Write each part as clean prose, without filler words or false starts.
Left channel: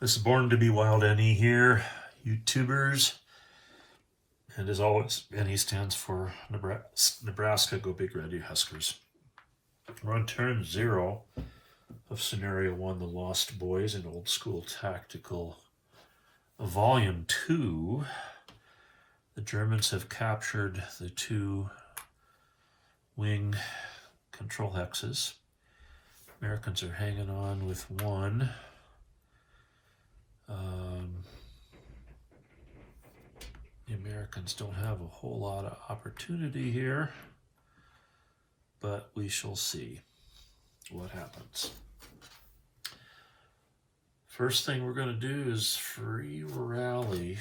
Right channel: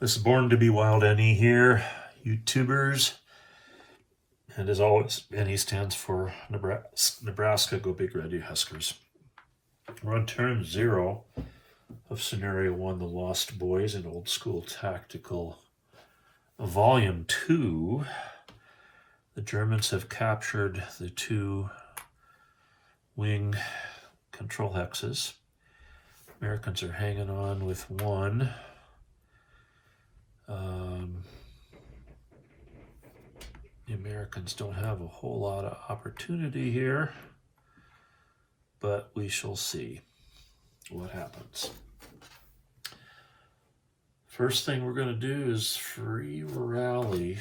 This is Born to be Wild NE here, YouTubers. And as always, NE stands for Nebraska Go Big Red, you Huskers. We're on turn 0 of Scenario 1, The Lost Boys in Old School Tactical Volume 2. The Germans have captured the 2 wing control hexes. Americans are hanging on with 1. The Americans don't have a whole lot of opportunity here, but we shall see what happens. First thing we're going to do is free rally,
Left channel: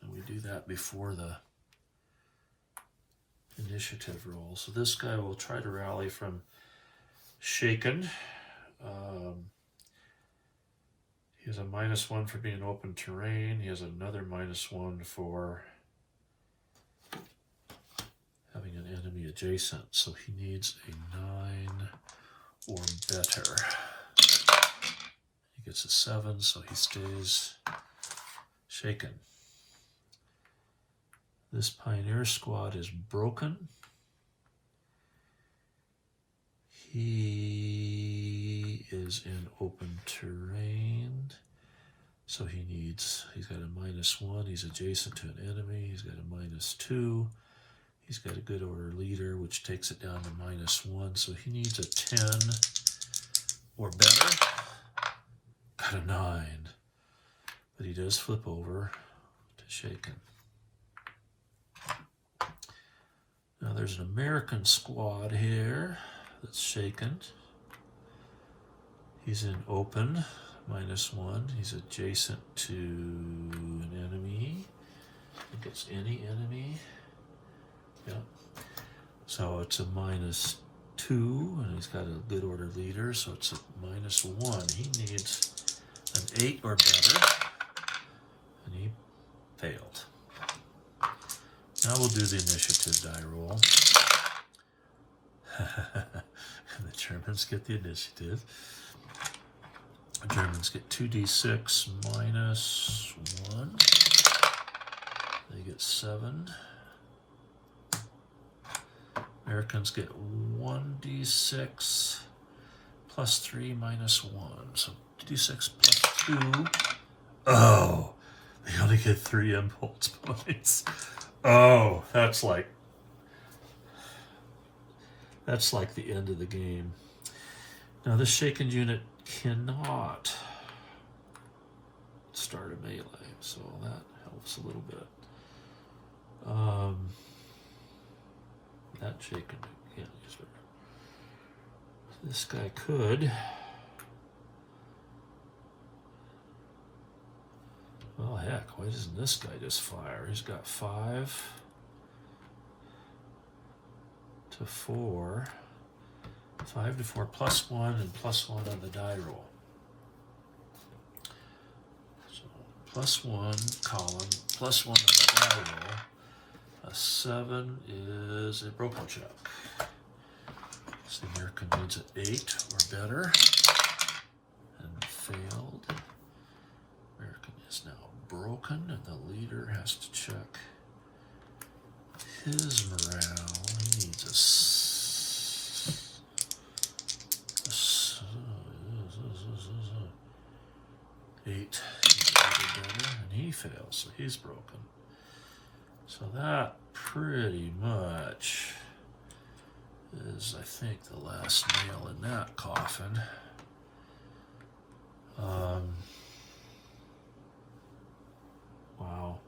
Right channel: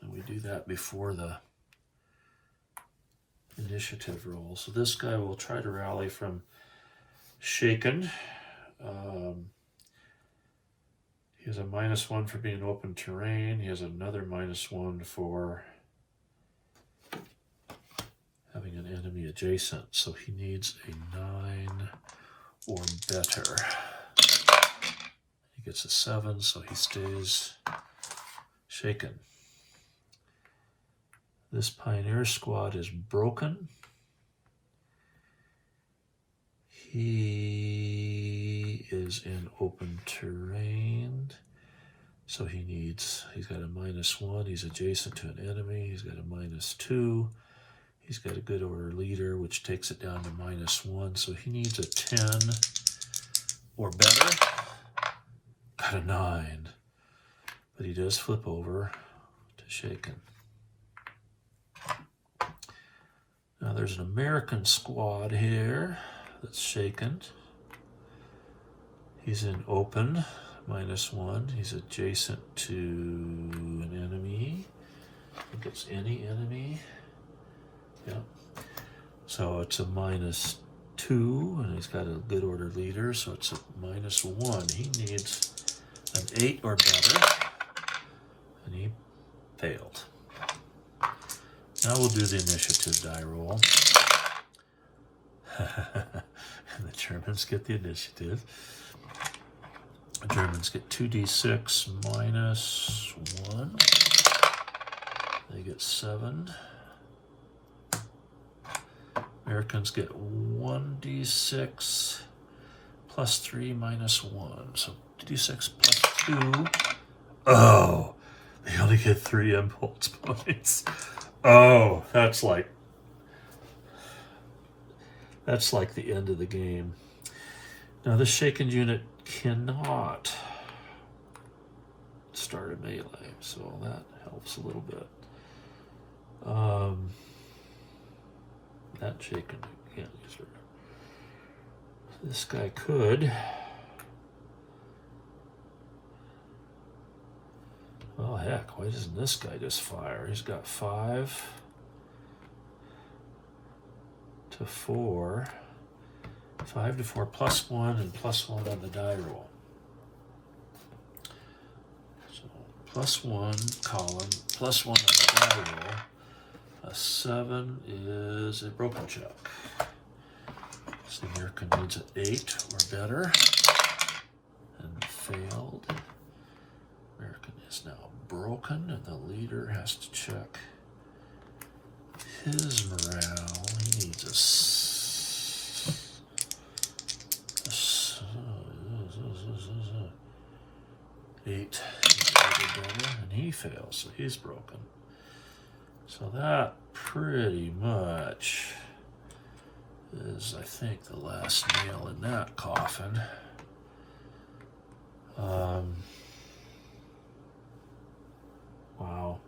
and we do that before the initiative roll. So this guy will try to rally from shaken. He has a -1 for being open terrain. He has another -1 for having an enemy adjacent. So he needs a 9 or better. He gets a 7, so he stays shaken. This Pioneer squad is broken. He is in open terrain, so he's got a -1. He's adjacent to an enemy. He's got a -2. He's got a good order leader, which takes it down to -1, so he needs a 10 or better. Got a 9, but he does flip over to shaken. Now there's an American squad here that's shaken. He's in open, -1. He's adjacent to an enemy. I think it's any enemy. Yep. So it's a -2, and he's got a good order leader, so it's a -1. He needs an 8 or better, and he failed. Now we'll do the initiative die roll. And the Germans get the initiative. The Germans get 2d6 -1. They get 7. Americans get 1d6 +3 -1. So d6 +2. Oh, they only get 3 impulse points. Oh, that's like the end of the game. Now this shaken unit cannot start a melee, so that helps a little bit. That shaken can't use her. This guy could. Well, heck, why doesn't this guy just fire? He's got 5 to 4. 5 to 4 +1 and +1 on the die roll. So +1 column, +1 on the die roll. A 7 is a broken check. So the American needs an 8 or better and failed. American is now broken, and the leader has to check his morale. He needs a 8 better, and he fails, so he's broken. So that pretty much is, I think, the last nail in that coffin. Wow.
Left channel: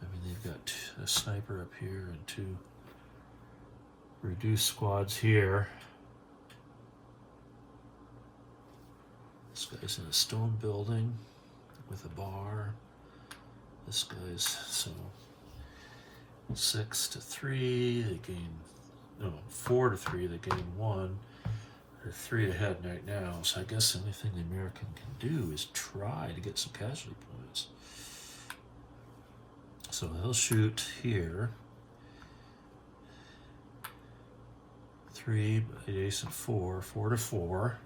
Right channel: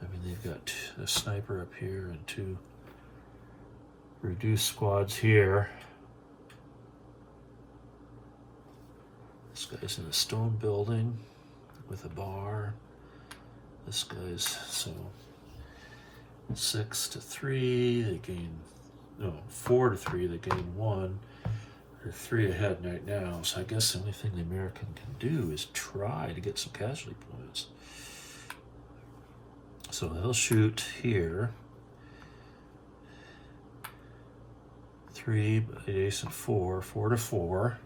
I mean, they've got a sniper up here and 2 reduced squads here. This guy's in a stone building with a bar. This guy's, so 6 to 3, they gain, no, 4 to 3, they gain 1. They're 3 ahead right now, so I guess the only thing the American can do is try to get some casualty points. So they'll shoot here. 3, adjacent 4, 4 to 4.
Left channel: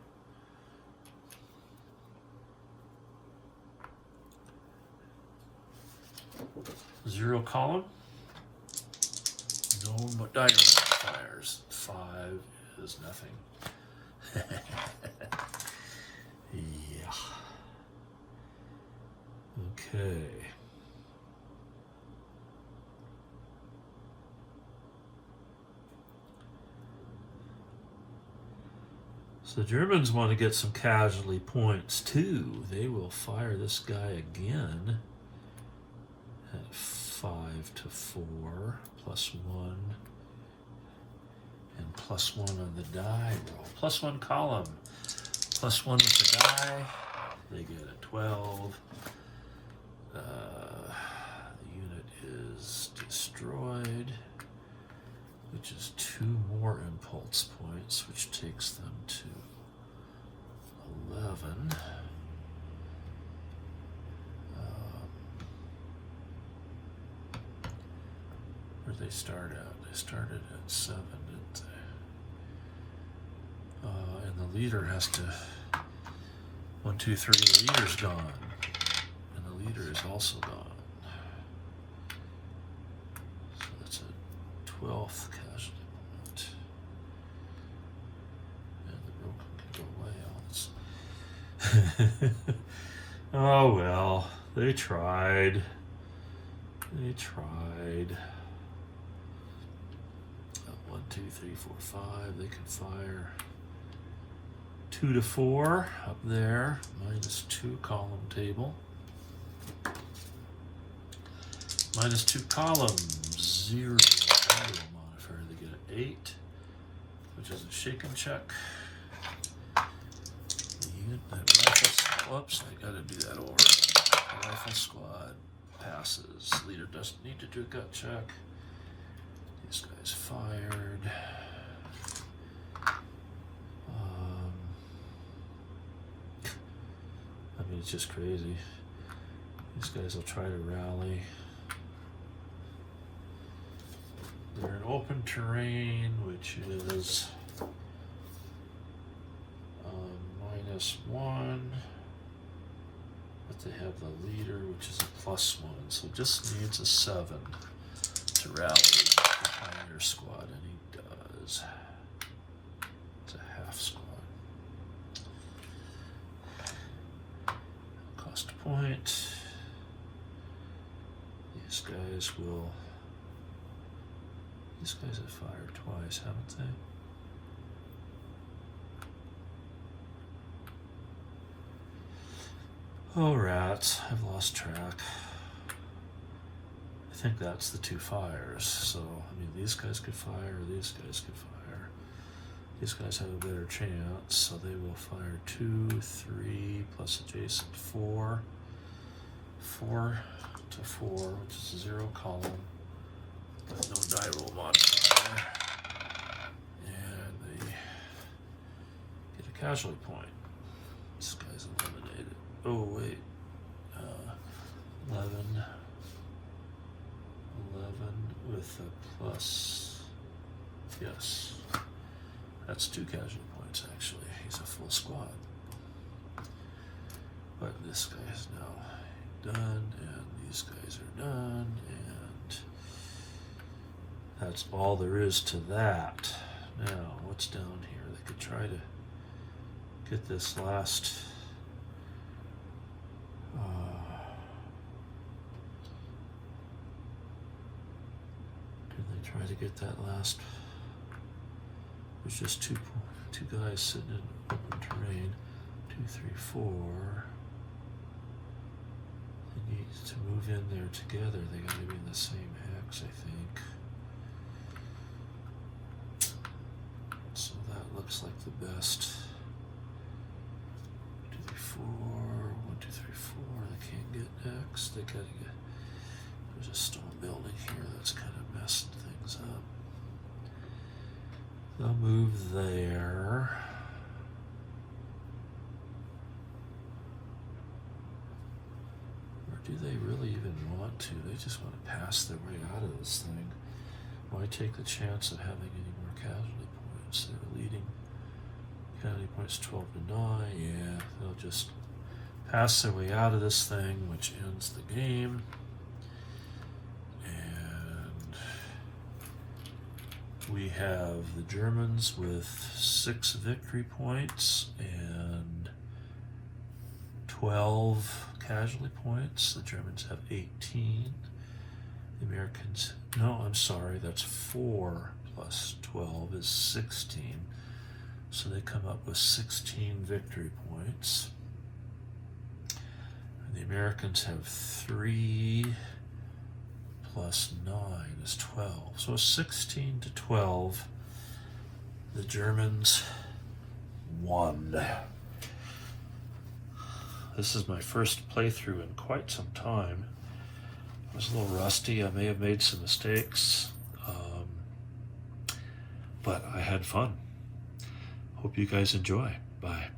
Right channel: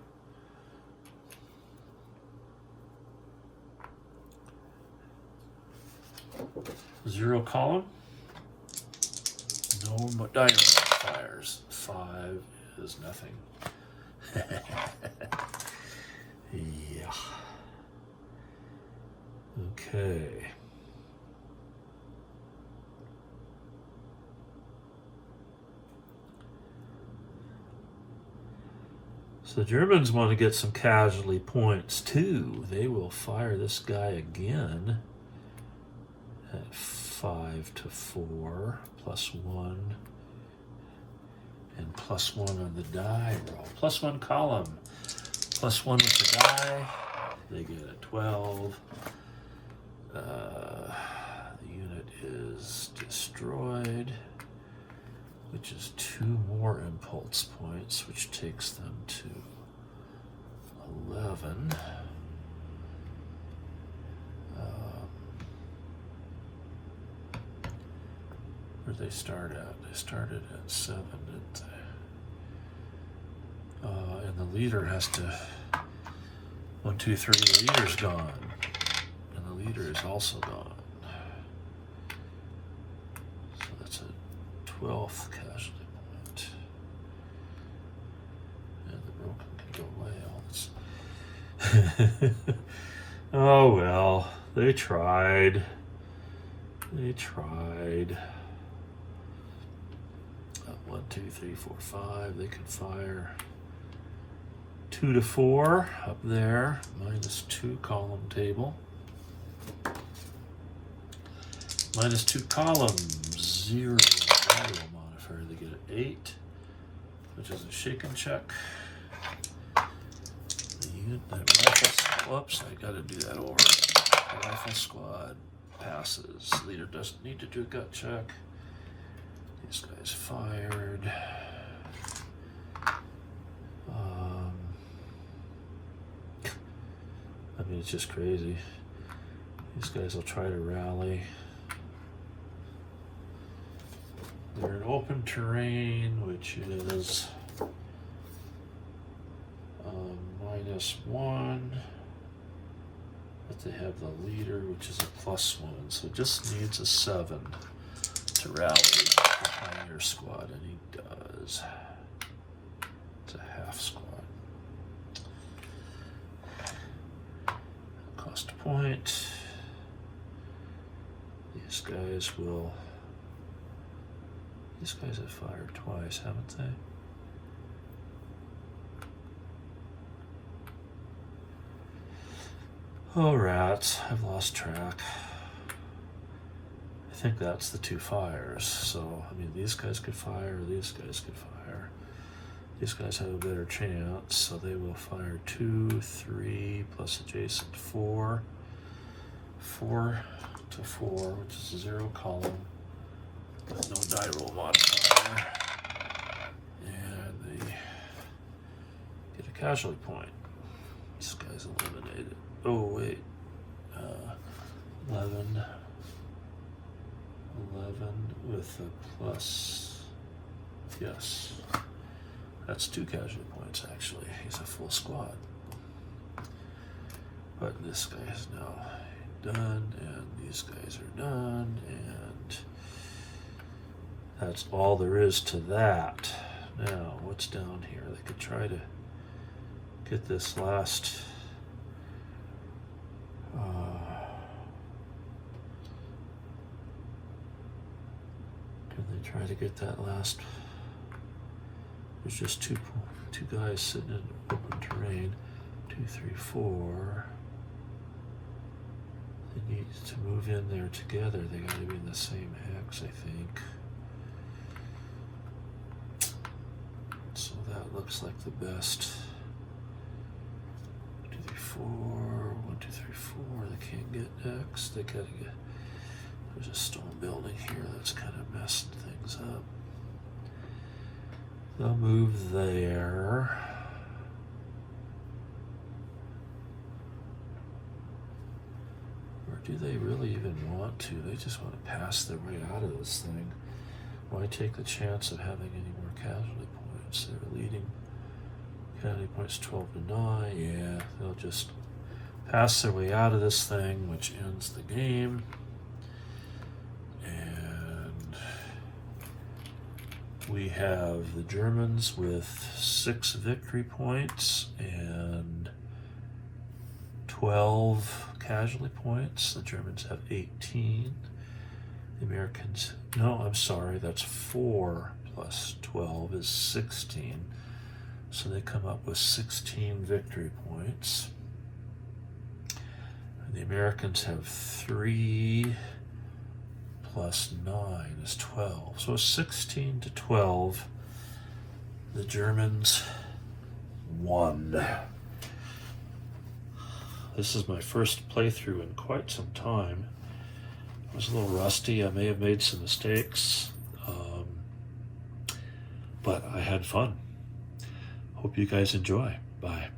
0 column. No diamond fires. 5 is nothing. Yeah. Okay. So the Germans want to get some casualty points too. They will fire this guy again at 5 to 4, +1, and +1 on the die roll. +1 column, +1 with the die. They get a 12. The unit is destroyed, which is 2 more impulse points, which takes them to 11. Where'd they start at? They started at 7, didn't they? And the leader has to 1, 2, 3. The leader's gone, and the leader is also gone. So that's a 12th casualty point, and the broken can go away. Oh well, they tried. They tried. 1, 2, 3, 4, 5. They can fire 2 to 4 up there. -2 column table. -2 columns. 0 value modifier. They get an 8, which is a shake and check. The unit that rifle. Whoops! I got to do that over. The rifle squad passes. Leader doesn't need to do a gut check. This guy's fired. I mean, it's just crazy. These guys will try to rally. They're in open terrain, which is -1. But they have the leader, which is a +1. So it just needs a 7 to rally the Pioneer squad, and he does. It's a half squad. Cost a point. These guys have fired twice, haven't they? Oh, rats. I've lost track. I think that's the 2 fires. So, I mean, these guys could fire, these guys could fire. These guys have a better chance, so they will fire 2, 3, plus adjacent 4. 4 to 4, which is a 0 column with no die roll modifier. And they get a casualty point. This guy's eliminated. Oh, wait. 11 with a plus. Yes. That's 2 casualty points, actually. He's a full squad. But this guy is now done, and these guys are done, and that's all there is to that. Now, what's down here? They could try to get this last... could they try to get that last... There's just two guys sitting in open terrain. 2, 3, 4. They need to move in there together. They got to be in the same hex, I think. So that looks like the best. 1, 2, 3, 4. 1, 2, 3, 4. They can't get next. They gotta get. There's a stone building here that's kind of messing things up. They'll move there. Or do they really even want to? They just want to pass their way out of this thing. Why take the chance of having any more casualty points? They're leading casualty points 12 to 9. Yeah, they'll just pass their way out of this thing, which ends the game. we have the Germans with 6 victory points and 12 casualty points. The Germans have 18. The Americans, no, I'm sorry, that's 4 plus 12 is 16. So they come up with 16 victory points. And the Americans have 3 plus 9 is 12. So 16 to 12. The Germans won. This is my first playthrough in quite some time. I was a little rusty. I may have made some mistakes, but I had fun. Hope you guys enjoy. Bye.